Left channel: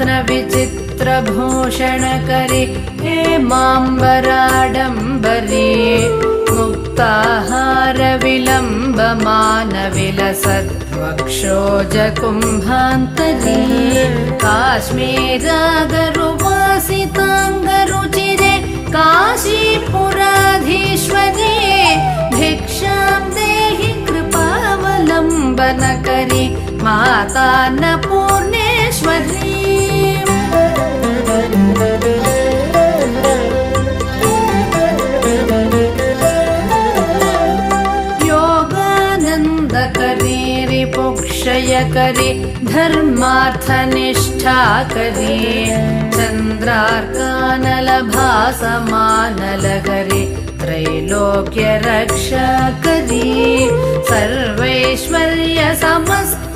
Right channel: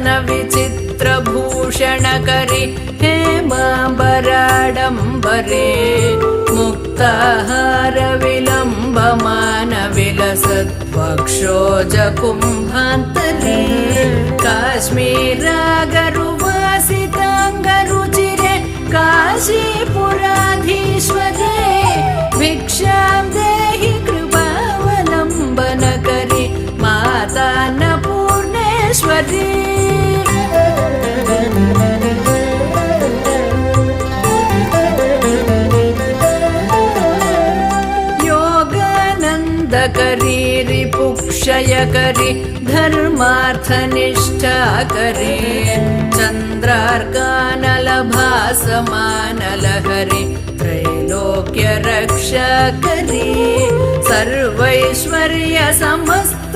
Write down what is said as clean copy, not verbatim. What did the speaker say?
गात्र विचित्रभूषणकरि हेमाम्बराडम्बरे मुक्ताहार विलम्बमानविलसत्वक्षोजकुम्भान्तरे काश्मीरागरुवासिताङ्गरुचिरे काशीपुराधीश्वरे भिक्षां देहि कृपावलम्बनकरि मातान्नपूर्णेश्वरी योगानन्दकरी रिपुक्षयकरी धर्मार्थनिष्ठाकरी चन्द्रार्कानलभासमानलहरि त्रैलोक्यरक्षकरी सर्वैश्वर्य समस्त